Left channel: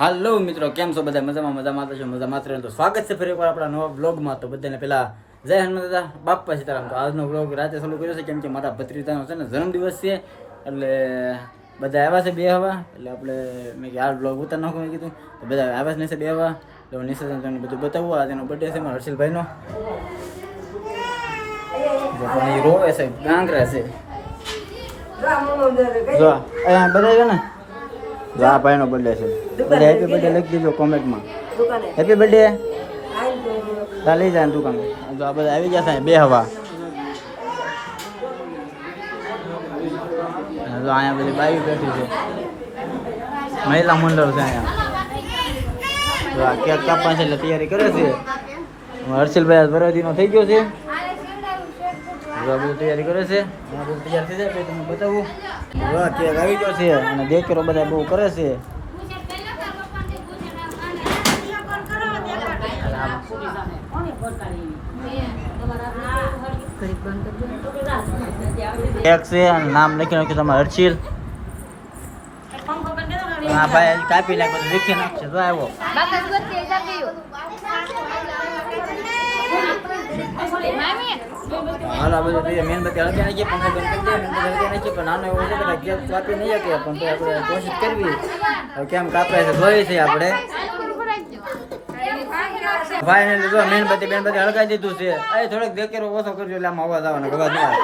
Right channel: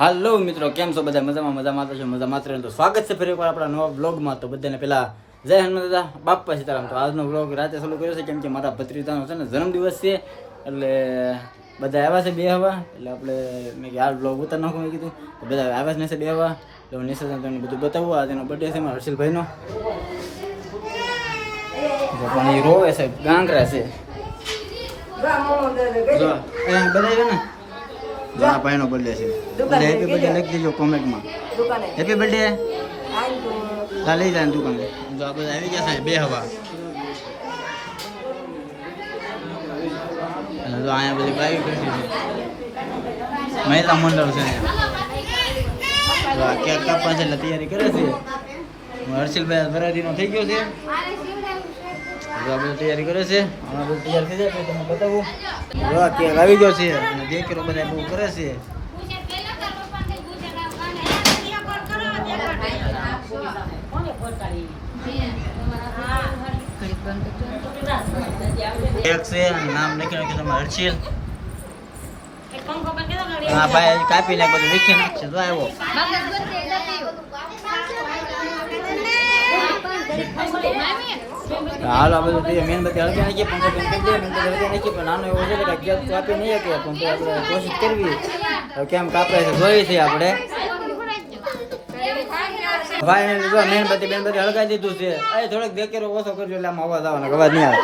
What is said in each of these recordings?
હાલો મિત્રો, કેમ છો બધા? મજામાં તો છો? મજામાં તો સ્વાગત છે ફરી એકવાર આપણા નવા વ્લોગમાં. તો બધાને પહેલા જય હનુમાન દાદા, બાપા સીતારામ. તો આજનો વ્લોગ રાતે ચાલુ કર્યો છે કેમ કે મારા ભત્રીજાનો છે ને જન્મદિવસ છે, એટલે બધા આવ્યા છે બે હવા. એટલે આપણે મેં કે આ વ્લોગ ઉતાર નાખું મેં કીધું. તો બધા આવ્યા છે ને બે હવા, તો નિશાને તમને બધું બતાવવું. આ તેનો બર્થડે છે મારા હર્ષિલભાઈનો. પણ એ રોવે છે, ગાંગરા છે. જો અહીંયા બધા આવ્યા ને, જો આ ભાઈનો બર્થડે છે. બધા હેપી બર્થડે લખી દેજો કોમેન્ટમાં. હેપી બર્થડે તા લઈ જાય દુકાને. જો આ બધા આવી ગયા છે બે હવા. જો અહીંયા બધી બાઈક બેઠી છે, મહિલા મંડળ છે અહીંયા. જો આ કેક કાપવા છે એટલે તૈયારી કરે છે. હર્ષિલભાઈ વરાદીનો થઈ ગયો છે. જો આ બધું તૈયારી કરે છે. આ બધું તૈયાર થઈ જાય પછી તમને બતાવું. જો આ કેક આવી ગયો છે અને દેખરો બધા બહુ કરે છે. કેક છે અને નામ લખી નાખ્યું તમારે હર્ષિલ. હા ભાઈ કાપી નાખ, બધું લખી નાખશે. જો આવ્યો હાલ આ બધું મીણબત્તી હળગી નાખીએ, પંખો બંધ કરી દઈએ, મીણબત્તી હળગી નાખીએ. પણ નાનો એવો છે કે ગેસ કાપી નહીં શકીએ, પણ તો આપણે કોશિશ કરવી. કેમ કાપે છે જોઈ છે આપણે. ફાઇનલી જો મીણબત્તી હળગાવી દીધું છે. એ થોડોક દેકેરો ઓછો કરજો એટલે આમાં અવાજ આવવાનો, અવાજ નહીં આવે.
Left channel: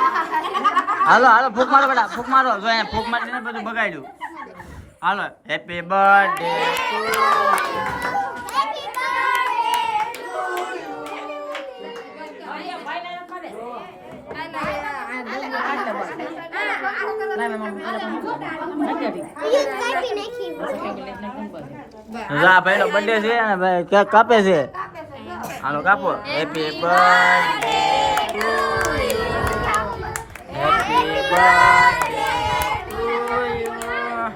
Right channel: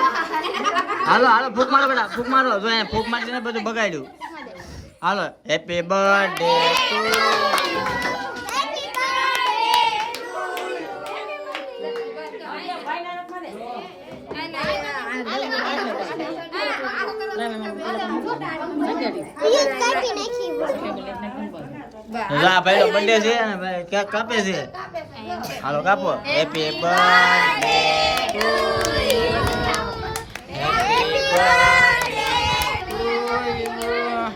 હાલો હાલો ફૂક મારો બેટા, ફૂક મારો. જો અહીંયા ફૂક મારીને બધું બગાડ્યું. હાલો હેપી બર્થડે ટુ ભાઈ નો બર્થડે છે અને ભાઈ કેક કાપે છે. હાલો કાપો. Happy birthday to you, happy birthday to you.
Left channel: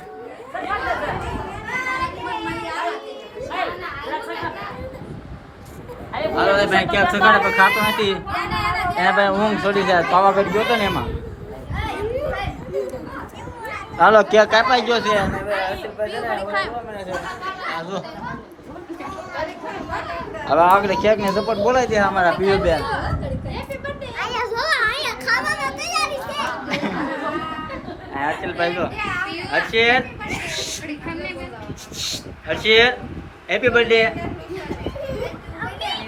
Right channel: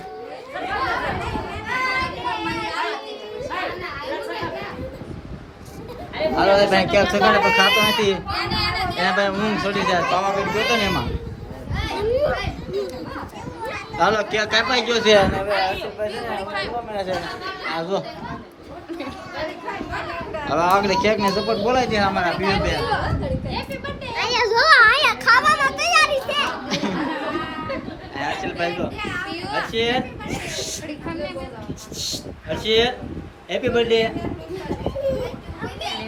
હાલો ભાઈ કેક સગાડે પણ ખાતો નથી. એના ભાઈ ઊંઘ છોડી જાય, પાવાગઢ ગયો હતો ને એમાં. હાલો કેક કાપાઈ ગયો છે અને હવે હર્ષિલભાઈ છે ને જોવા મળે છે. આ જો હવે આગળ કેક ને સપોર્ટ બોલાવી દે અમારા પીયુ બેન. હર્ષિલભાઈ જો હર્ષિલ હેપી બર્થડે.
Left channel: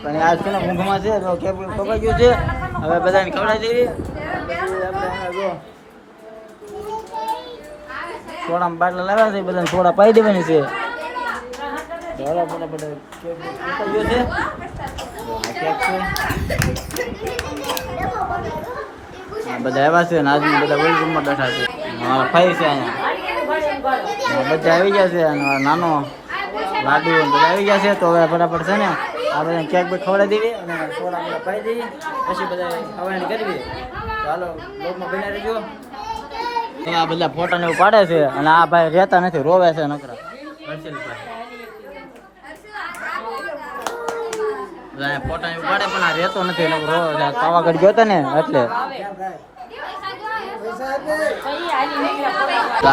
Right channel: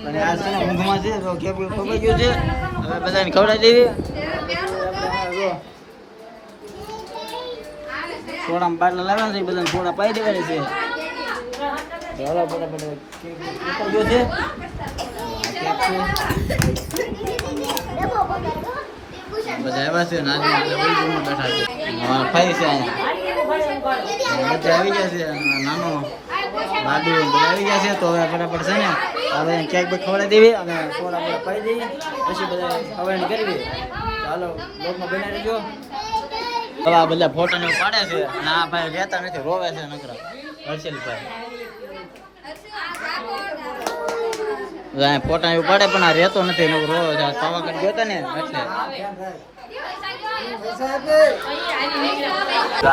અને આજ છે ને ઊંઘમાં છે, તો કેક કપાઈ ગયું છે. હવે બધાને ખવડાવી દેવી. આપણે જો સોડામાં બાટલા લાવ્યા છે, બધાને સોડા પાઈ દેવાની છે. ચાલો ફટાફટ કેક કપાઈ ગયો છે. કેક છે બધા આવ્યા છે. આજની બધા ઓલી રૂમમાં બેઠા છે. અમારા ભાઈ છે અહીંયા, બધા આવી ગયા છે. અને નાનો લાડુ બધા આવી ગયા છે. તો હવે ફટાફટ છે ને આ બધા કેક બે ખવડાવી દેવી અને સોડા બોડા પાઈ દેવી, પછી બધા ખવડાવી કરવી. ચાલો બ્લોગમાં બની રહેજો. હવે આ બધા ફોટા ને એવું પાડે છે અને આ ભાઈ રહેતા નથી, રોવે છે નકરા. હર્ષિલભાઈ ફોટા એવું પાડે પણ આ રહેતો નથી, નકર રોવે છે. પાવાગઢ ગયો હતો ને એટલે.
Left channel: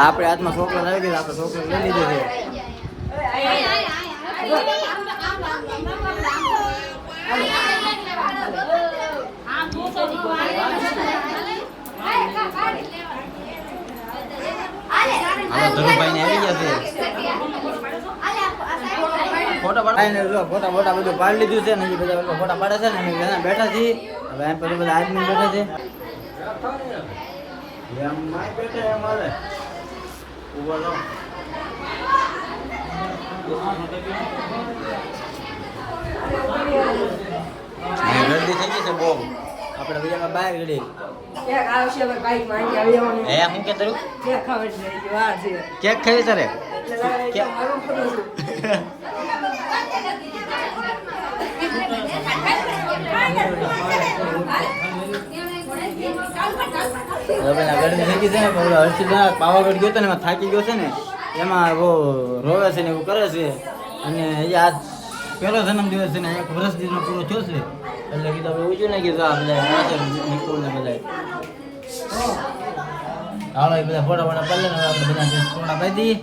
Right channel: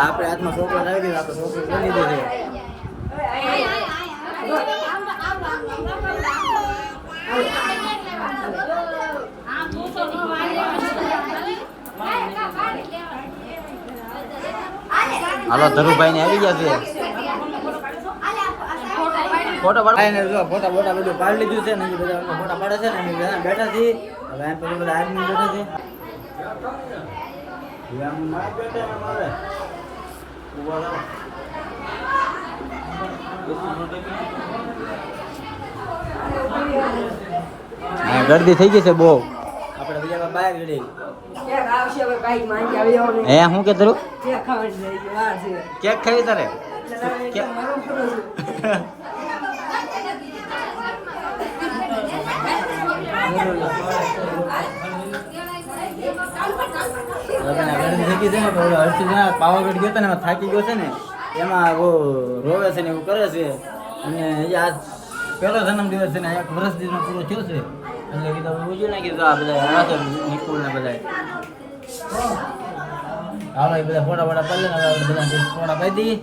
આપણે હાથમાં ચોકલેટ આવી ગઈ, આપણે ચોકલેટ લઈ લીધું છે. હાલો ધરુભાઈ ને આવી ગયા છે. ફોટા ફોટા બધું પાડી લીધું છે ને, બધા ફોટા પાડે છે ને બેઠા છીએ. હવે એમ પછી બધા આદમી બેઠા છે. ગરદી થઈ જશે બહુ. આપણે બીજા બહાર ગડી હે હું કે ધરું કેક ખાવી તારે? પાવાગઢ ગયો હતો ને એમાં થાકી ગયો છે ને, એમાં બહુ રોવે છે ને એવું કરે છે. અને આજ પહેલો જન્મદિવસ છે ને, 1 વર્ષ દિવસનો પૂરો થયો છે. એટલે કીધું આપણે ઉજ્યું ને કીધું આ બધા નિકુલ ને બધા. હાલો એ બધા ફોટા પાડી લે ને. હવે આપણે બધા ફોટા પાડી દઈએ.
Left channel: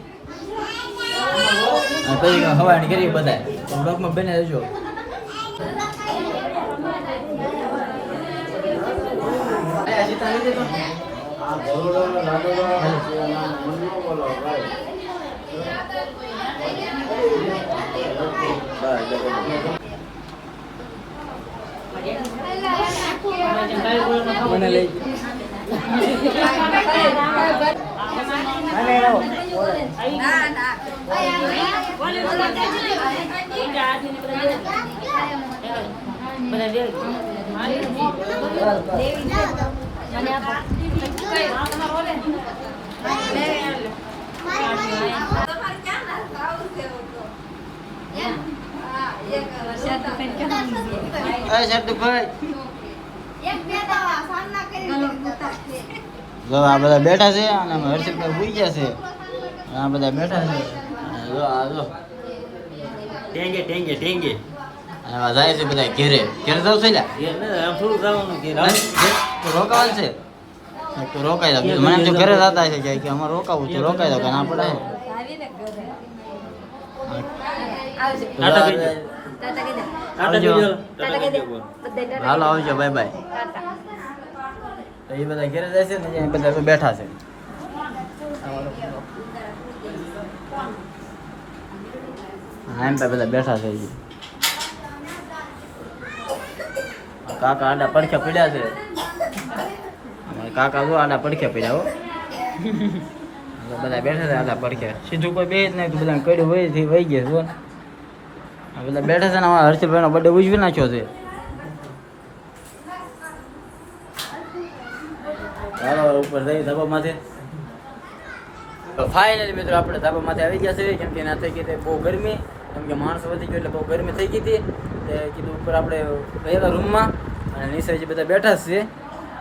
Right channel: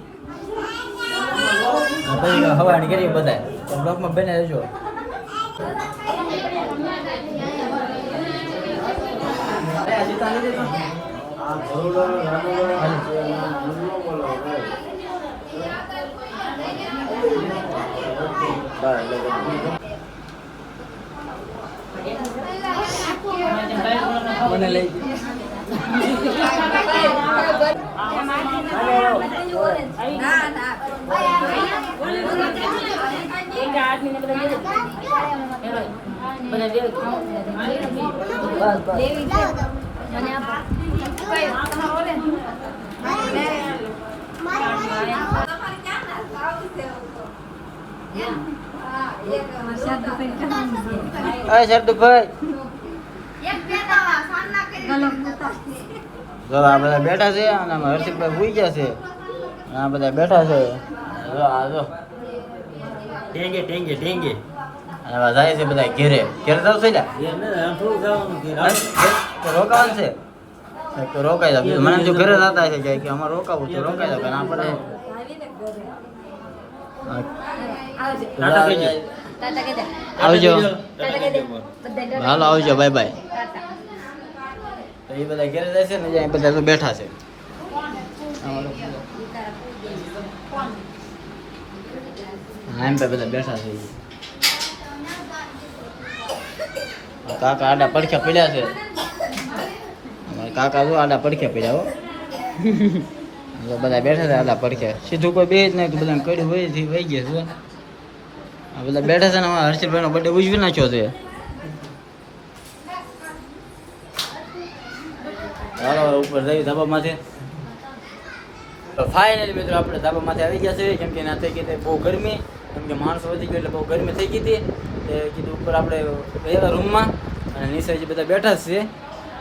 પછી હવાની કરી બધા તો બ્લોગમાં બને રહેજો. મને લઈ જો આ બધા બેઠા છે અને હર્ષિતભાઈ ભૂઈ ગયા છે. આ બધા બેઠા છે. જો આ જો ટેંગે ટેંગે ટેંગે આવા જાય છે બધા ઘેરે. ઘેરે જાવ છે લ્યા? ઘેર ને આમ થોડું જવાનું ઘેર. તો રોકાવાનું છે તો રોકાઈ જાવ. મને એમ તો ઘરે જતા છે કે અમારે રોકાવું તો રોકાઈ જાવ. ના પડે આવજો. હાલો આવજો. Bye bye. તો એ બધા ઘેરે જાય છે ને એ બધા તો બેઠા છે. હા એમ બધા બેઠા છે. કાકા આડા પડખ્યા પડ્યા છે. અમારા કાકા જો આડા પડખ્યા પડ્યા હો. બધા બેઠા છે આડા પડખ્યા. સીધું કોઈ બે જ નહીં તો બધા કડ્યું વહી વહી ગયા છે. આ બધા બેઠા છે ને અમારા હર્ષિતભાઈનો બર્થડે ઉજવી નાખ્યો છે. ચાલો ઉપર જઈ ધાબામાંથી. તો ફાઇનલી મિત્રો આપણે ધાબામાંથી આવી ગયા છે. કેમ કે ના થઈ ગઈ બહુ ગરમી. કેમ કે માણસો વધી ગયો એટલે બહુ ગરમી થઈ ગઈ હતી. કીધું ઉપર આપણે રહેલા રૂમમાં અને નીચે જે બધા બેઠા છે.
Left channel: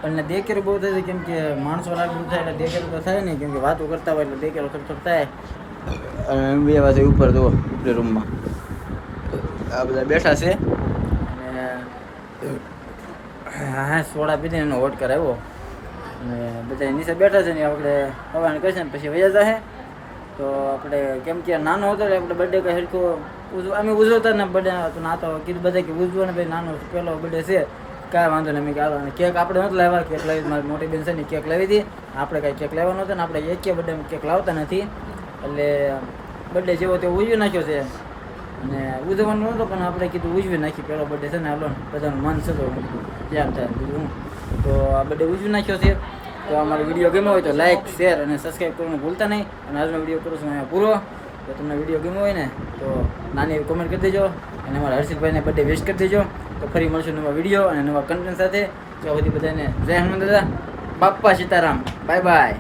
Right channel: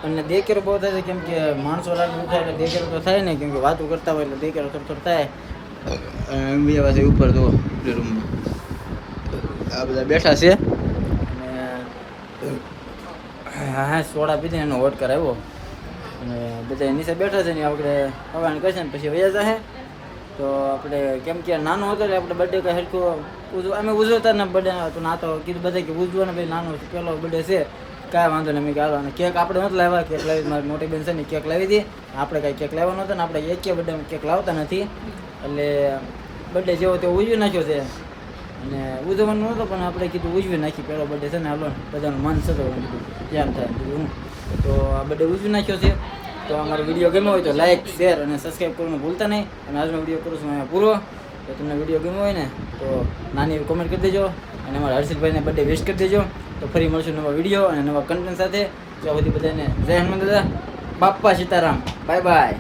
અને દેખેરો બહુ થાય છે કેમ કે માણસો લાગુ થાય એટલે દેખેરો તો થાય નહીં. કેમ કે વાતો કરતા હોય એટલે દેખેરો થોડો થોડો થાય. અને બે વાગે ઉપર જુઓ ઉપલી રૂમમાં આ બધા બેઠા છે. અને હા સોડા પીધી એનો હોટ કરાવ્યો અને બધા નીચે બેઠા છે ને આપણે હવાને કરશે ને પછી વયા જશે. તો આપણે કેમ કે નાનો હતો એટલે આપણે બર્થડે કંઈ હરખો અમે ઉજવતા ને બર્થડે તો ના તો કીધું બધા કે ઉજવો ને ભાઈ નાનો પહેલો બર્થડે છે કાંઈ વાંધો નહીં. મેં ગાલો અને કેક આપણે નહોતું લાવ્યા. કેક લાવી મારી મોટી બેન છે ને કેક લાવી હતી. આપણે કાંઈ કેક લાવવાનો હતો ને આપણે એક બર્થડે કેક લાવતા નથી એટલે બર્થડે જેવો તે ઉજવી નાખ્યો છે. અને ઉજવવાનું નહોતો પણ આપણે કીધું ઉજવી નાખી. પહેલો બર્થડે છે ને હાલો બધાનું મન છે તો કીધું જેમ થાય કીધું હું તો આ બર્થડે ઉજવી નાખ્યો છે. તો અમારો વિડીયો ગમ્યો હોય તો લાઇક શેર અને સબસ્ક્રાઈબ કરવાનું ભૂલતા નહીં. અને આજનો વિડીયો કરું છું અહીંયા પૂરો. તો તમને વિડીયો ગમ્યો હોય ને તો નાની એવી કોમેન્ટ કરી દેજો અને અમારા હર્ષિતભાઈને બર્થડે વિશ કરી દેજો. તો ફરી મળશું નવા વિડીયો અને નવા કન્ટેન્ટ સાથે. ત્યાં સુધી બધાને જય હનુમાન દાદા. બાપ્પા સીતારામ. Bye by.